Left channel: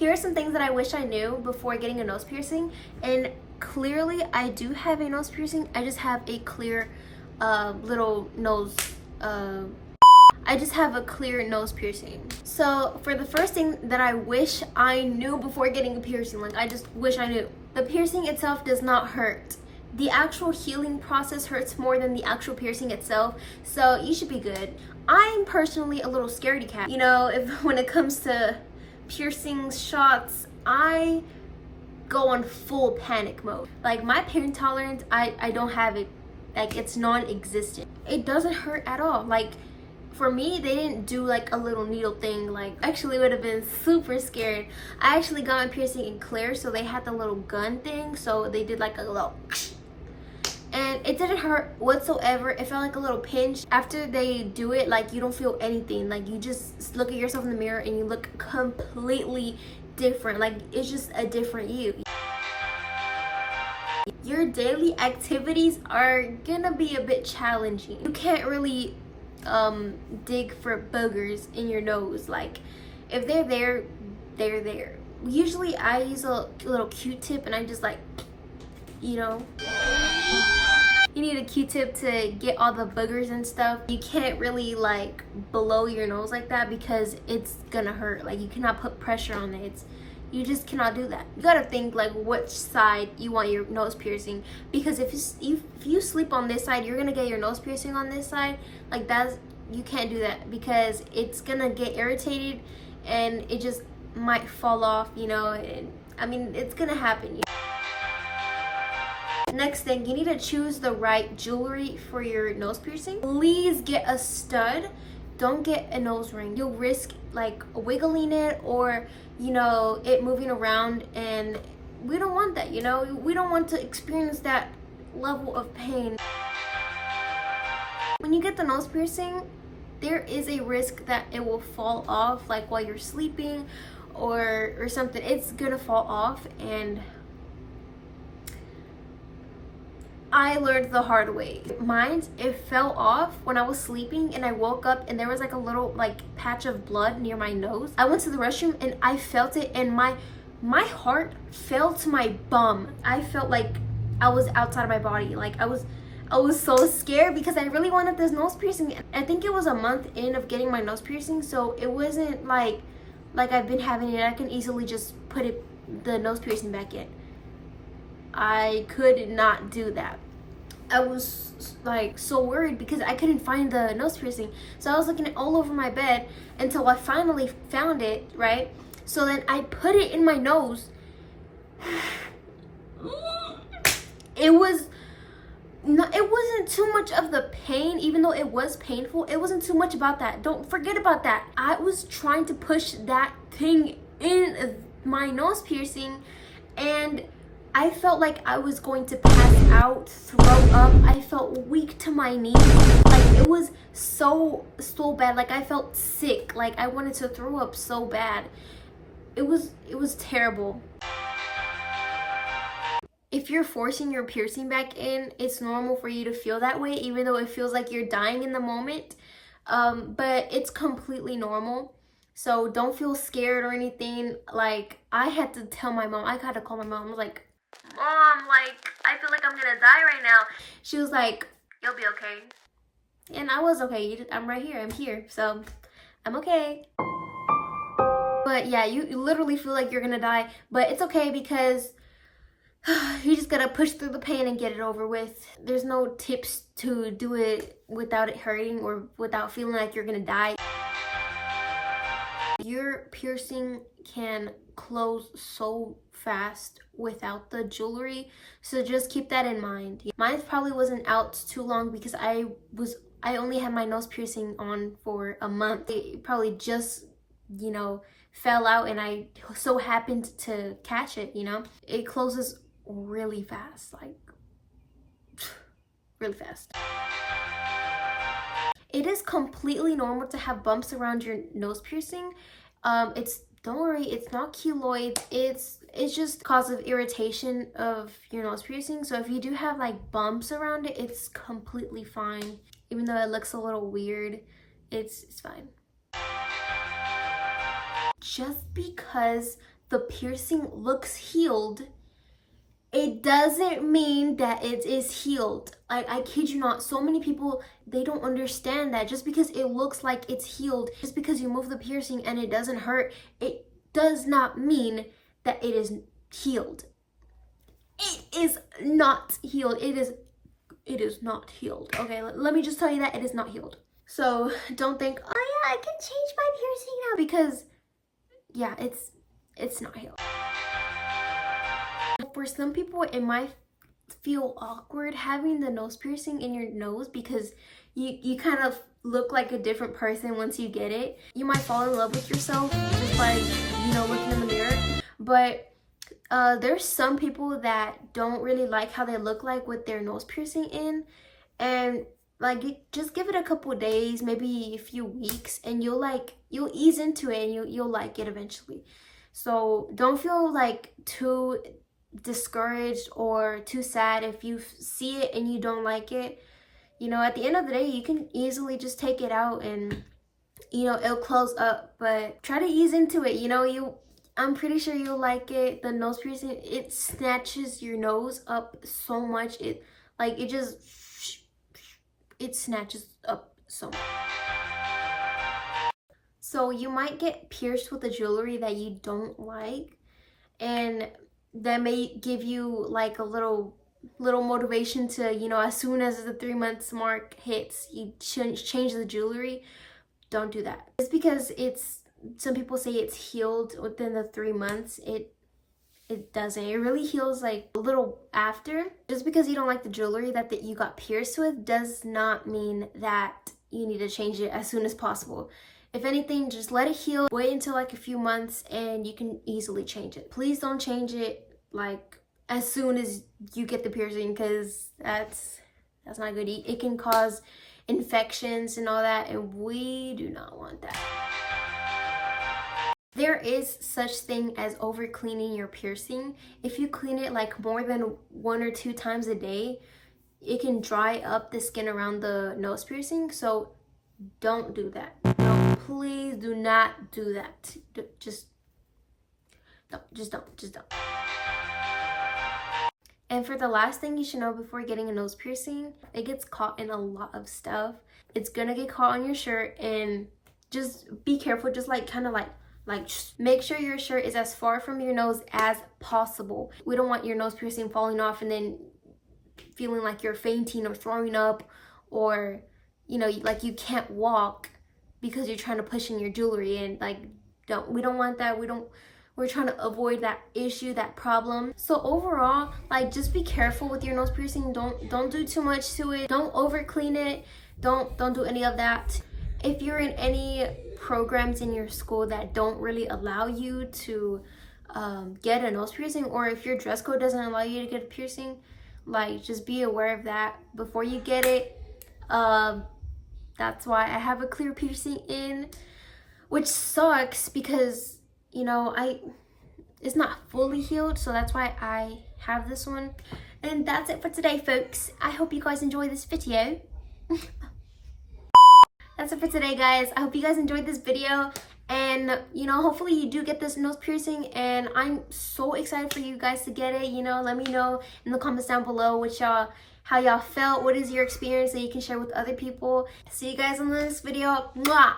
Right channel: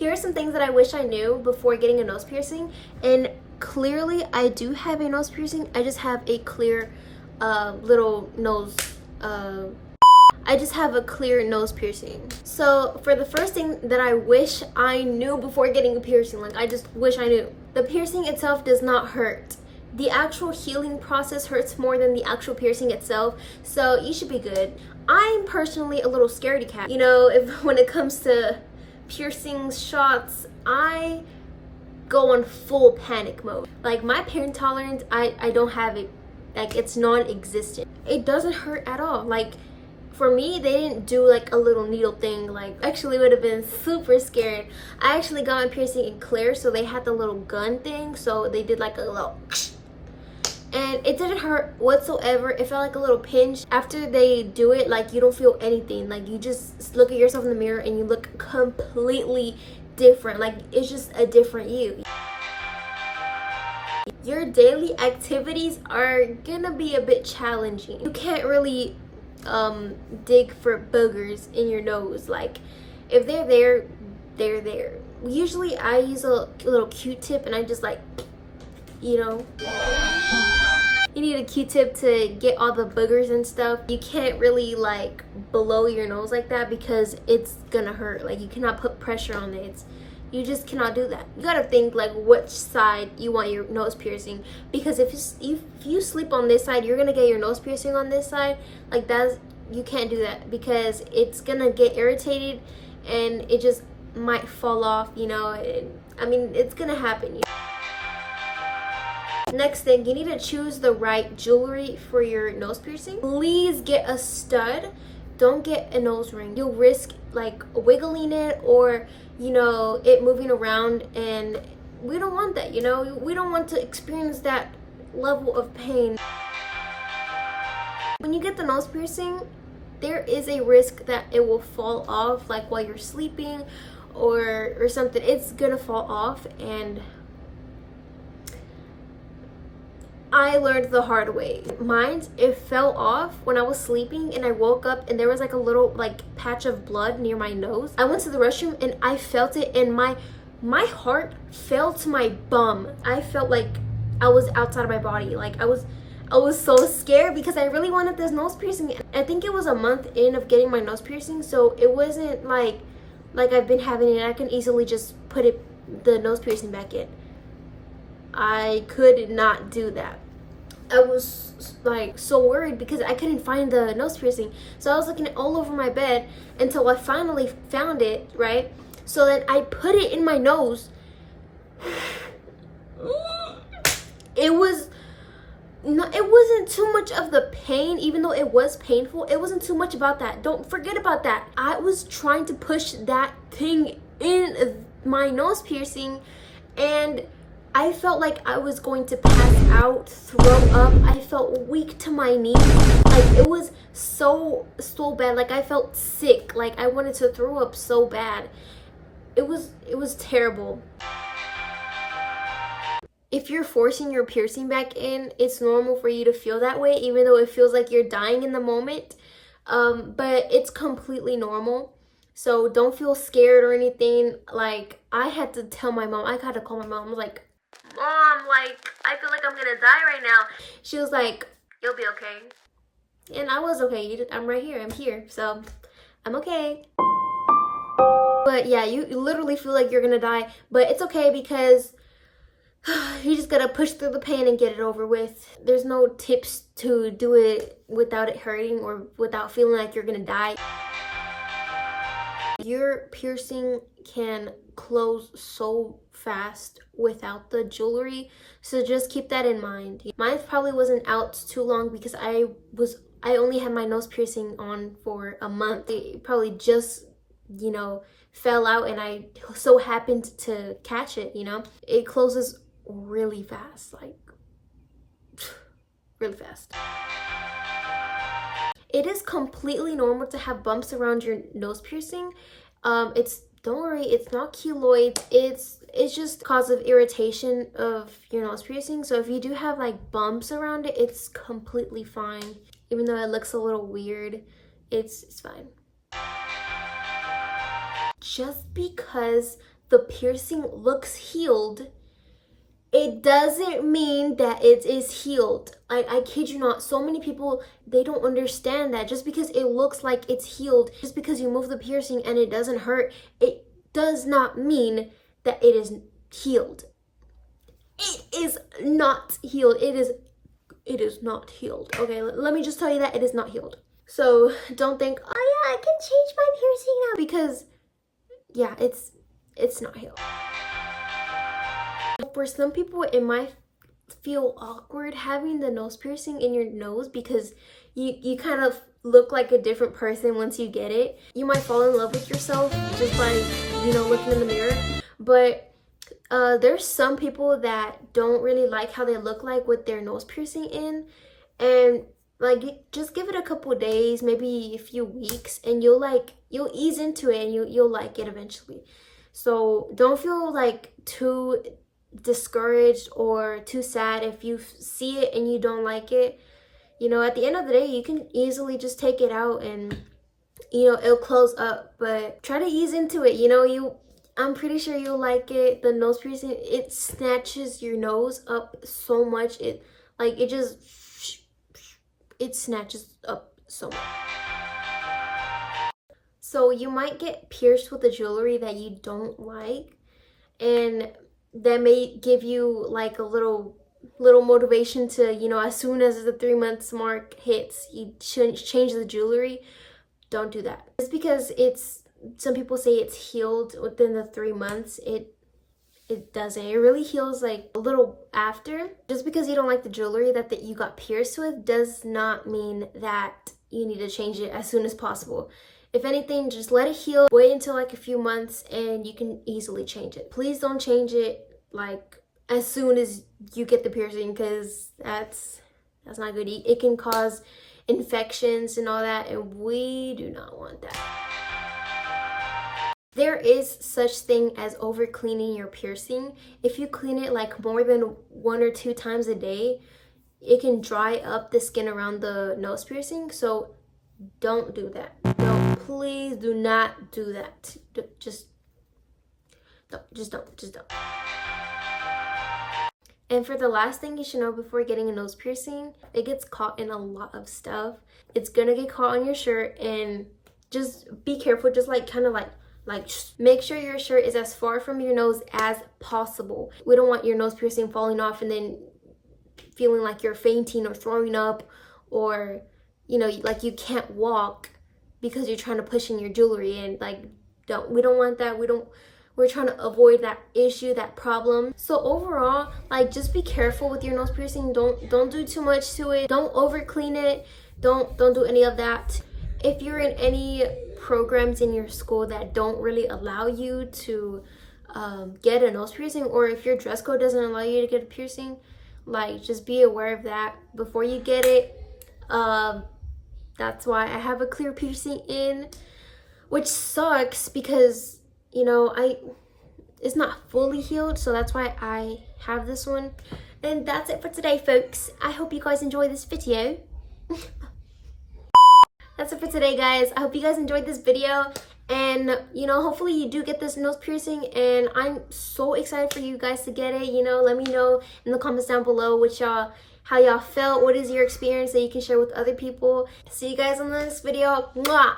Here are some things that I wish I knew before getting a nose piercing. And clearly I do have a nose piercing. I just have a clear little nose I just have a clear nose piercing. So for the first thing that I wish I knew before getting a piercing, like I just wish I knew, the piercing itself does not hurt. The actual healing process hurts more than the actual piercing itself, so you should be good. I'm personally a little scaredy cat. You know, when it comes to piercings, shots, I go on full panic mode. Like my pain tolerance, I don't have it. Like it's non-existent. It doesn't hurt at all. Like for me, they didn't do like a little needle thing. Like actually would have been super scared. I actually got my piercing in Claire, so they had the little gun thing. So they did like a little, and it didn't hurt whatsoever. It felt like a little pinch. After they do it, like you don't feel anything. Like you just look at yourself in the mirror and you look completely different. Like it's just a different you. Your daily activities are gonna be a bit challenging. You can't really dig for boogers in your nose. Like if they're there, they're there. Usually I use a little Q-tip and I just like, you know, you need a Q-tip to get all the boogers and stuff. You can't really like blow your nose like that because it's gonna hurt. Like you cannot put pressure on it. You just cannot do that. You gotta think like which side you want your nose piercing, because if you sleep on this side, you're gonna get your nose piercing on this side. Like you can't do that because it's gonna get irritated and it just might fall off, you know. I mean, it's gonna happen. Next thing, you need to choose the right jewelry for your nose piercing. Please get a stud. Don't get a nose ring. You'll risk like wiggling it or, you know, it moving around, and we don't want that, you know. We don't want to experience that level of pain. When you get the nose piercing, there is a risk that it will fall off, like while you're sleeping or something. It's gonna fall off, and I learned the hard way. Mine, it fell off when I was sleeping and I woke up and there was like a little like patch of blood near my nose. I went to the restroom and I felt it, and my heart fell to my bum. I felt like I was outside of my body. Like I was so scared because I really wanted this nose piercing. I think it was a month in of getting my nose piercing, so it wasn't like I've been having it. I can easily just put the nose piercing back in. I could not do that. I was like so worried because I couldn't find the nose piercing. So I was looking all over my bed until I finally found it, right? So then I put it in my nose. It wasn't too much of the pain, even though it was painful. It wasn't too much about that. Don't forget about that. I was trying to push that thing in my nose piercing, and I felt like I was going to pass out, throw up. I felt weak to my knees. Like it was so bad. Like I felt sick. Like I wanted to throw up so bad. It was terrible. If you're forcing your piercing back in, it's normal for you to feel that way, even though it feels like you're dying in the moment. But it's completely normal. So don't feel scared or anything. Like I had to tell my mom. I had to call my mom. I was like, Mom, like I feel like I'm gonna die right now. She was like, you'll be okay. And I was okay. I'm right here. I'm here. So I'm okay. But yeah, you literally feel like you're gonna die. But it's okay because you just gotta push through the pain and get it over with. There's no tips to do it without it hurting or without feeling like you're gonna die. Your piercing can close so fast without the jewelry, so just keep that in mind. Mine probably wasn't out too long because I only had my nose piercing on for a month. It probably just, you know, fell out and I so happened to catch it, you know. It closes really fast, like really fast. It is completely normal to have bumps around your nose piercing. Don't worry, it's not keloids. It's just cause of irritation of your nose piercing. So if you do have like bumps around it, it's completely fine. Even though it looks a little weird, it's fine. Just because the piercing looks healed, it doesn't mean that it is healed. I kid you not, so many people, they don't understand that just because it looks like it's healed, just because you move the piercing and it doesn't hurt, it does not mean that it is healed. It is not healed. It is not healed. Okay, let me just tell you that it is not healed. So don't think, oh yeah, I can change my piercing now, because yeah, it's not healed. For some people, it might feel awkward having the nose piercing in your nose because you kind of look like a different person once you get it. You might fall in love with yourself just by, you know, looking in the mirror. But there's some people that don't really like how they look like with their nose piercing in. And like, just give it a couple days, maybe a few weeks, and you'll ease into it and you'll like it eventually. So don't feel like too discouraged or too sad if you see it and you don't like it. You know, at the end of the day, you can easily just take it out and, you know, it'll close up. But try to ease into it. You know, I'm pretty sure you'll like it. The nose piercing, it snatches your nose up so much. It snatches up so much. So you might get pierced with a jewelry that you don't like, and that may give you like a little motivation to, you know, as soon as the 3 months mark hits, you shouldn't change the jewelry. Don't do that. It's because some people say it's healed within the 3 months. It doesn't. It really heals like a little after. Just because you don't like the jewelry that you got pierced with does not mean that you need to change it as soon as possible. If anything, just let it heal. Wait until like a few months and you can easily change it. Please don't change it like as soon as you get the piercing, because that's not good. It can cause infections and all that, and we do not want that. There is such thing as over cleaning your piercing. If you clean it like more than 1 or 2 times a day, it can dry up the skin around the nose piercing. So don't do that. No, please do not do that. Just don't. And for the last thing you should know before getting a nose piercing, it gets caught in a lot of stuff. It's gonna get caught on your shirt, and just be careful. Just like kind of like make sure your shirt is as far from your nose as possible. We don't want your nose piercing falling off and then feeling like you're fainting or throwing up, or, you know, like you can't walk because you're trying to push in your jewelry. And like, we don't want that. We're trying to avoid that issue, that problem. So overall, like, just be careful with your nose piercing. Don't do too much to it. Don't over clean it. Don't do any of that. If you're in any programs in your school that don't really allow you to get a nose piercing, or if your dress code doesn't allow you to get a piercing, like, just be aware of that before you get it. That's why I have a clear piercing in, which sucks because, you know, it's not fully healed, so that's why I have this one. And that's it for today, folks. I hope you guys enjoyed this video. That's it for today, guys. I hope you guys enjoyed this video, and, you know, hopefully you do get this nose piercing, and I'm so excited for you guys to get it. You know, let me know in the comments down below how y'all felt. What is your experience that you can share with other people? See you guys on the next video. Mwah!